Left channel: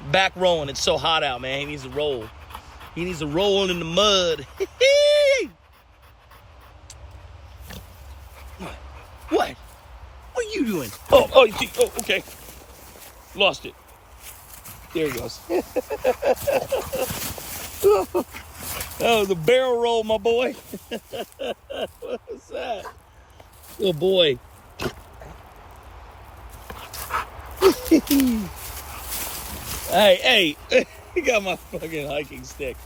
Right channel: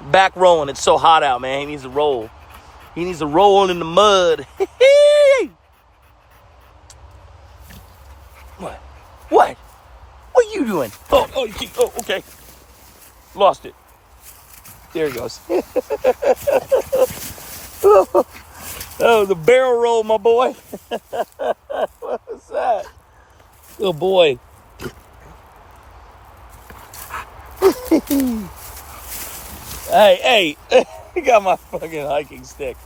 Back rolling. It's so hot out, man. He needs to roll. He needs to roll in the mud. What? What are you doing? Oh, okay. Lost it. There it goes. Oh, the barrel roll, my boy. What was that? Oh, boy. Hey, you got my fucking hiking stick.